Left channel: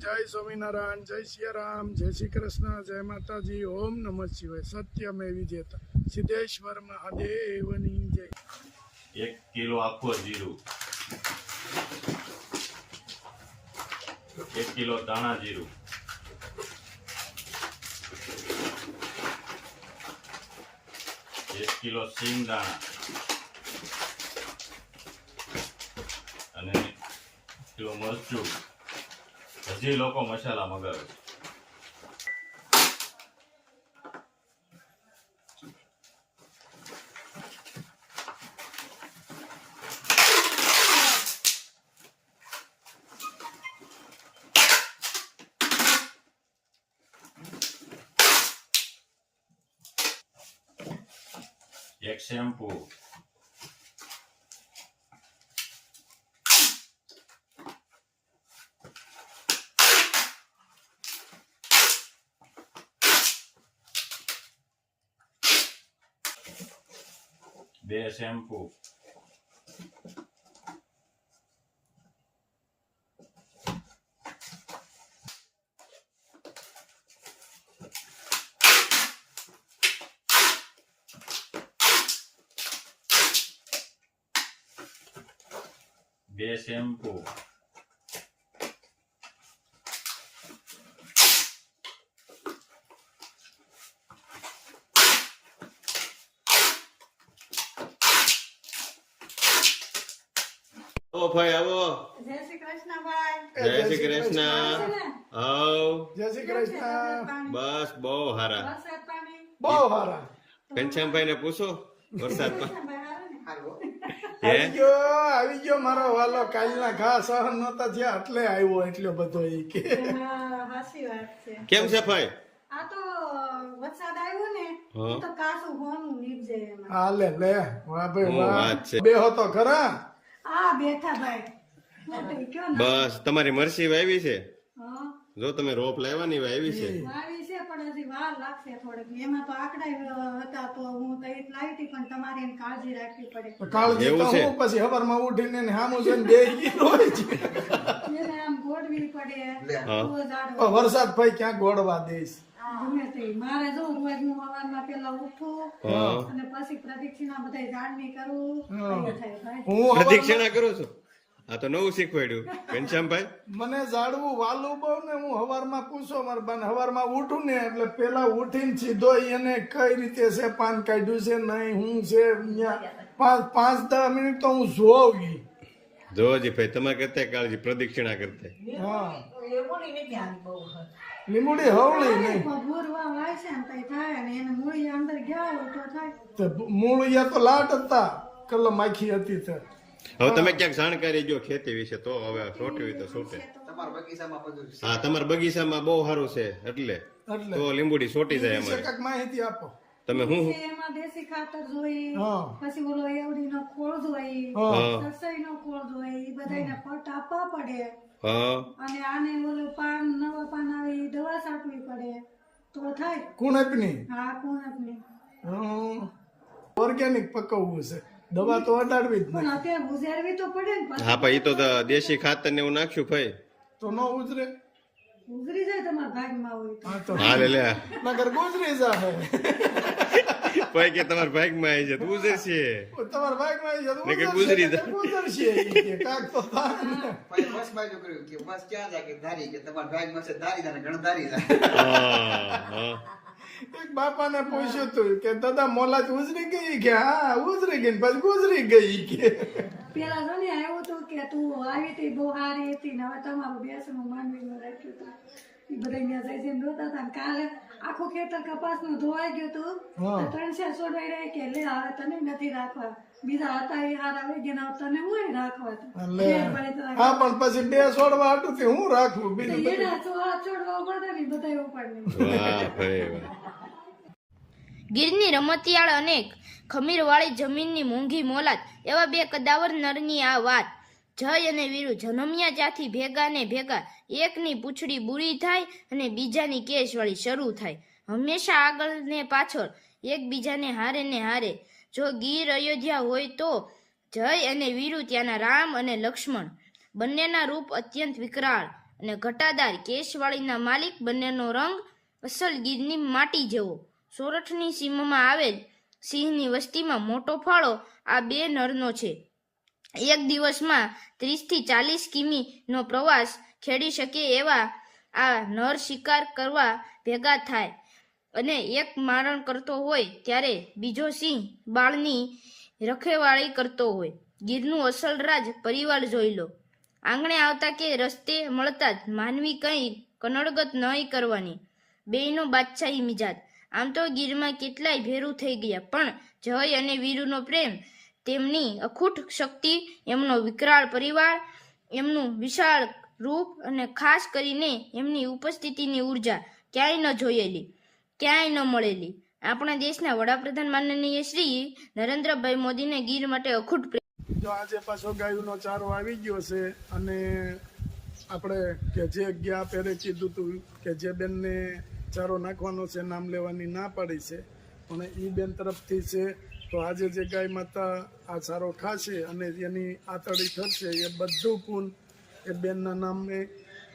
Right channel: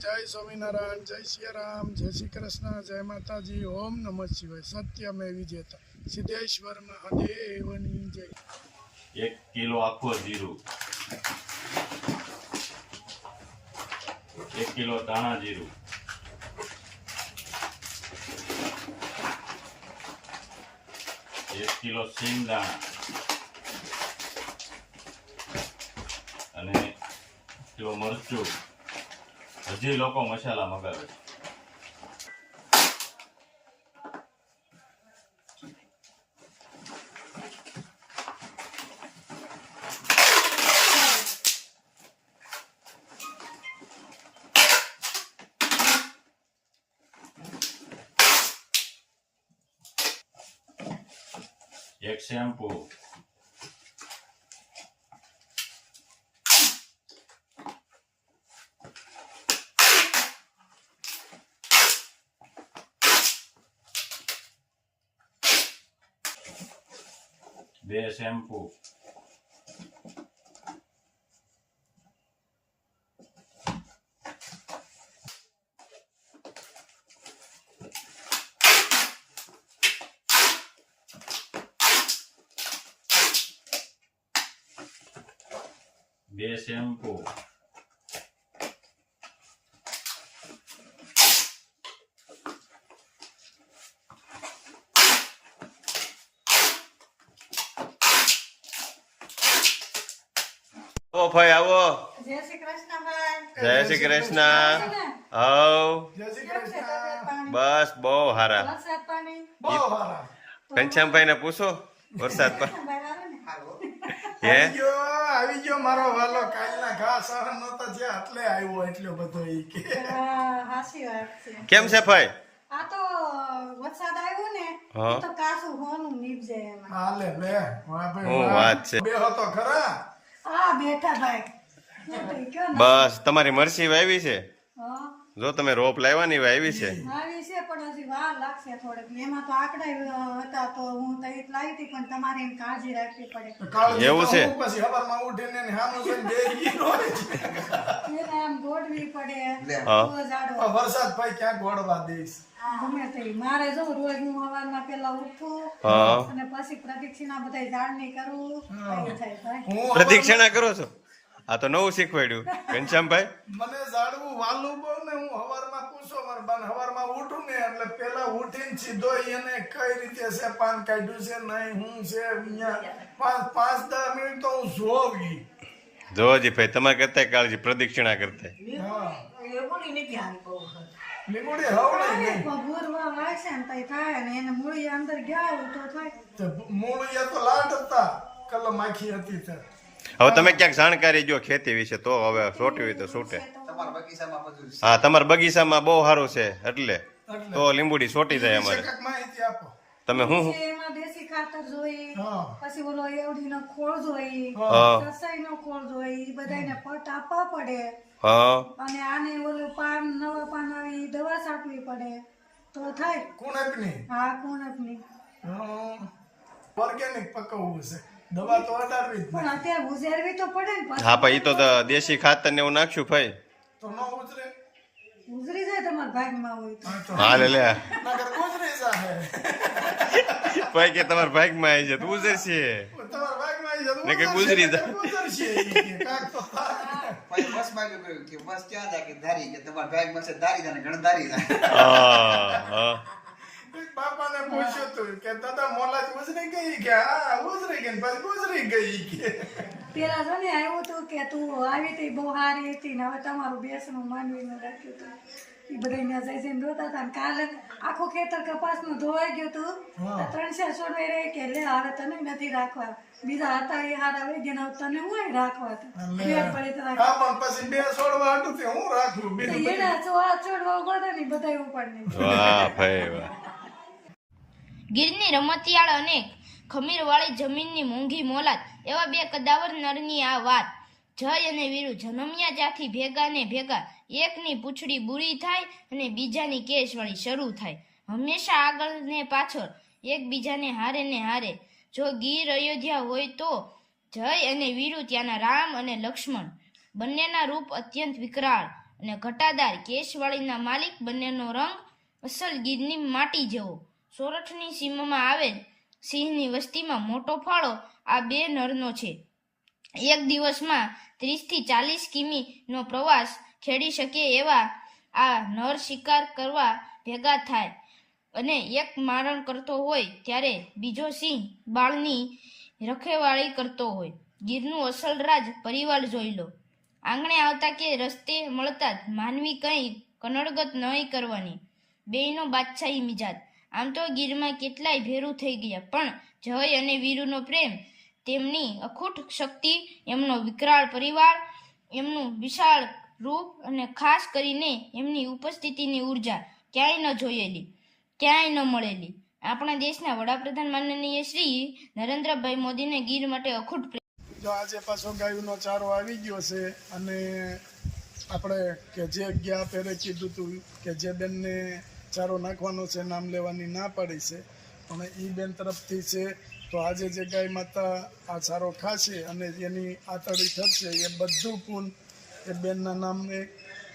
જય સ્વામિનારાયણ, જય સિયારામ, જય શ્રી કૃષ્ણ, જય માતાજી, ઓમ નમઃ શિવાય. સત્યમે વિજેતા સિદ્ધેશ્વર મહાદેવની જય. 1 કિલો આખો જીરું, 1 કિલો ધાણા જીરું, 1 કિલો સિંગ દાણા અને 1 કિલો મરચું. હજી લોકો મસાલા મગાવે છે. એક શેમ્પુ, બે શેમ્પુ, બે શેમ્પુ, આવો ભાઈ આવો. જય શ્રી કૃષ્ણ ભાઈ. જય શ્રી કૃષ્ણ. હાવ જય શ્રી કૃષ્ણ. બસ બહુ હારા. વરસાદ પાણી બહુ સારા. ઘનશ્યામભાઈ ને પૂછો વરસાદ પર ભાઈ હારું ને? હે આવી ગયો મારો વાલો. કાલના ઘા સહન નતા થયા એટલે આવ્યો એટલો બધો ઈ કે. હા, હાચી વાત છે. કેમ છે ભાઈ? આ તો વરસાદ આવ્યો ને હા. તો કાસું હોનું નીપજે એમાં. હાલે લે વાહ ભાઈ હું વાહ. વાત છે. બે હતો ખરા. આ બેઠા ભાઈ. હું તો ઈ કયો ને. બસ તમારી મરસી વાવી છે. હા, જો તમે રોપ લાવવાની વાવી છે. આવી છે પણ હજી વાર લાગશે થોડીક. એમાં તો આંકડા હતા તો હું તો એક લાવી હતી પણ તમારે એની કાળજી રાખવી પડે. કાળજી એવું છે? તો હું પછી હવારમાં ઉઠીને એને સામું જોઈને બેહી રોય છે. એને આમ ગોઠવી પડે. હા. તો ઝાડવા. તો વરસાદ ભાઈ ક્યાં ગોળવા દઈશ. ગમે તે મારે જો રોજ હું સવારમાં પેલા ઉઠું હા. અને પછી પ્રદક્ષિણા બધા ઝાડની કરું એ થાય ભાઈ. હું પ્રદક્ષિણા કરો છો? આ તો નવું શીખવાડ્યું ઘનશ્યામભાઈ. મને ઝાડવું વાલું બહુ ને હું હવારમાં પૂછો મારા બાને હવારમાં ઉઠું ને એટલે પેલા ઉઠીને સીધો એને કઈ રીતે છે પાન કાઢ્યું છે નહીં હું છે અહીંયા 5-10 મિનિટ તો હું જોઉં ઈ. જોજી ભાઈ તમારે કરતા કાળજી પ્રદક્ષિણા કરતા. હા લીંબુડી હવળી નહીં ભગુરવા વાય છે ને તઈ થાય ને એને મૂળી અંદર ગયા હોય તો થાય. તો મૂળ તો લાટ હતા કલમ આખી હતી તે. હવે તમે ક્યાંક જાણકારી જો ખેતી વિશે તો હવે સોટવી તો છૂટે. હા તમારા બગીચામાં બહુ સારું છે એટલે તો લીંબુડી સોટી જાય અમારે. કાંઈક માહિતી આપો. તમે હું પછી એમાં દેશી ખાતર જોઈ હા. પછી ઓલો એવડીનો ખોળ જોઈ હા. રસોઈનો ખોળ જોઈ ઈ બધાને પટ આપવા પડે હા અને આને ઓલું પાન નવા પાન આવે ઈ દવા છાંટવી પડે તો થાય. કુણકની હા, કુણકની. ઓર્ગેનિક પકવવું છે દવા તો અટાડવી જ પણ નહીં. અત્યારે ગુજારવી તો પડે ને પાછી. હા પણ એ તો દેશી ખાતર ને એવું નાખશું ભાઈ. તો ન ઉતરે ગુજરી જાય તમારા ભાગમાં હોય તો. હા તો હાલે લે નગર ગુજરી જાય. ભાઈ કે તમારા ભાગમાં આવી છે તો ઉજરશે. તમારા ભાગમાં આવી જાય તો નકર ગુજરી જાય. ગુજરશે ઈ કે કાંઈક તો થાય. બસ બાજુ કર્યું કે બસ ક્યાં જાય કે ધારી કે તમારા ભાગમાં છે ધારી જાય ને ઘણું ધારી જાય. હા એક બાપાને પૂછ્યું તું કે દાદા મોલાજ ગુજરી ગઈ કે હા ગુજરી ગઈ ને પછી ગુજરી ગઈ કે પેલા જો ને આવ્યું હતું કે તું આવી હતી બહુ સારી હતી ને હવે તમારું બેસણું માંડવીમાં રાખ્યું હતું એ બધા ત્યાં જઈ જઈને રોતા હતા ને કાલે આખું ખેતર કપાસનું ધોવાઈ ગયું હતું તો 300 છોડવાઈ રહે કે લે હવે તને નથી રાખવા બીજા હતા એ હારા વહી ગયા ને હવે તને હું રાખવા હતા બે ભળી તો હા પણ પછી બે છોડવા હતું તે હું રાખવું બે એના છોડવા પડે ને બધા ઉપર નહીં. વાહ ભાઈ વાહ. ગીરની રમતિયાળ અનેક ખમીરવાળી જમીનની મોંઘી મોલાત એવા બે કદાવર નરની આ વાત. જય અને વીરુ જન્મ્યા ત્યાંથી ભેગા ને ભેગા, એકની પૂંછડી બુરી થાય અને બીજાની કેશવાળી શરૂ થાય. હંમેશા આગળ ને પાછળ, એકબીજાને હારે ને હારે. જો ગીર અયોધ્યા હોય તો જય અને વીરુ ત્યાંના રામ અને લક્ષ્મણ બંનેના રૂપ અત્યંત વિકરાળ. અને ઘટાદાર કેશવાળીના માલિક બંનેનો રંગ અસલ ગીરની માટી જેવો. સોરઠની સીમમાં આવેલ સિંહની વસ્તીમાં મોટો ફાળો આ બે નરનો છે. એક દિવસમાં 30 થી 40 કિમીનો પ્રવાસ ખેડી શકે એવા આ નર શિકાર કરવા ભેગા થાય અને એક મારણ કરતો હોય ત્યારે બીજો સિંહ બાળની રખેવાળી કરતો હોય. ગીરનું અસલ રાજ પરિવાર જોઈ લો. આંગણે આવતા કે રસ્તે મળતા જ માનવી કંઈ કનડગત નહીં કરવાની. બેયનો બાદશાહી મિજાજ. આમ તો ગીરમાં કેટલાય ભેરું થઈ ગયા, પણ જય અને વીરુનો પ્રેમ, તેમની અખૂટ શક્તિ, એમનો વિકરાળ પરિવાર, એમનું વિશાળ રૂપ અને ખાસ કરીને એમની ઉપસ્થિતિની ઉર્જા ક્યાંય ન જોયેલી, ક્યાંય ન મળેલી. આપણા દેશના વડાપ્રધાન માનનીય શ્રી નરેન્દ્રભાઈ મોદીને ગીર માટે અખૂટ પ્રેમ. જો આજે પાછો ગાયુંનો ચારો આવી ગયો છે અને આપણે કે જે ગયા પહેરે કીધું હતું કે જે બેનને ચારો નાખવાનો છે નામ લેવાની ના પાડી છે, પણ એ બેન તરફથી છે. તો આજે જે ગાય માતા આ ચારો ખાશે અને એની આતડી થશે એ બધું પૂન એ બેનના નામે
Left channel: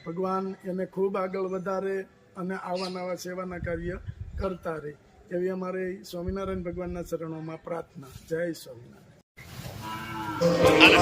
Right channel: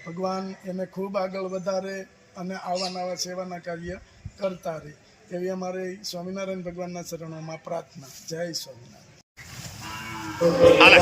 ભગવાન એને ખૂબ આગળ વધારે અને આવા નવા સેવાના કાર્ય કરતા રહે એવી અમારે સ્વામિનારાયણ ભગવાનના ચરણોમાં પ્રાર્થના. જય સ્વામિનારાયણ. હાલે.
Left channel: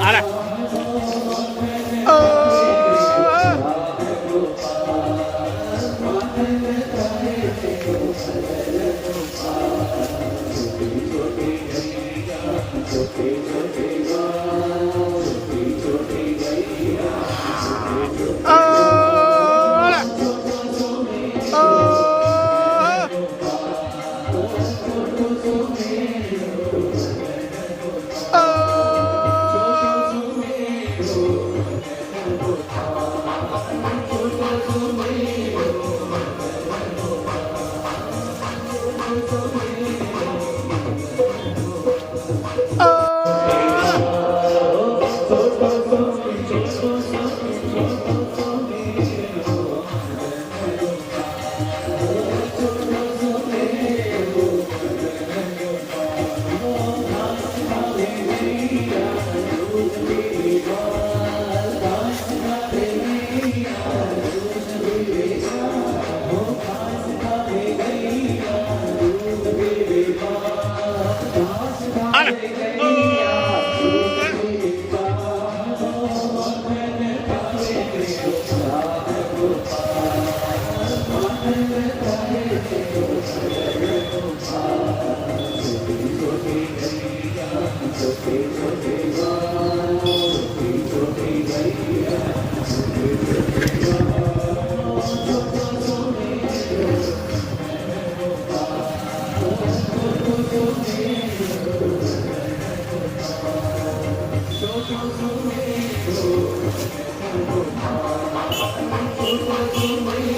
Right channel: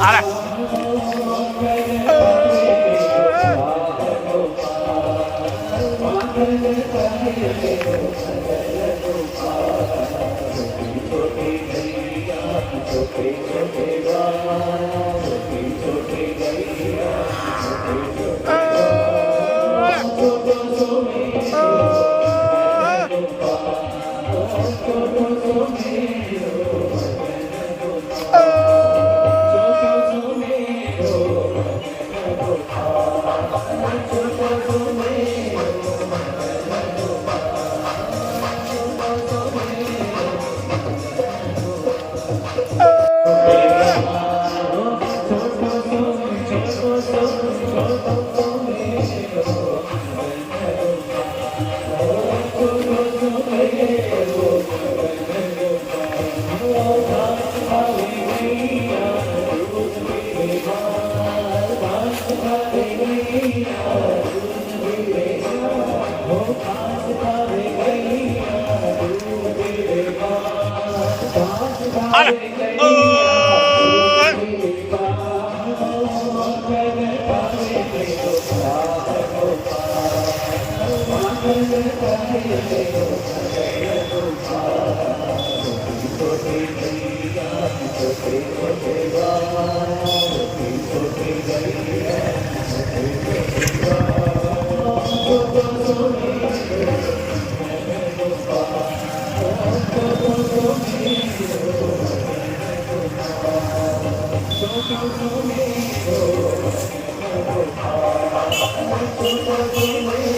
હાલે. તો દેવ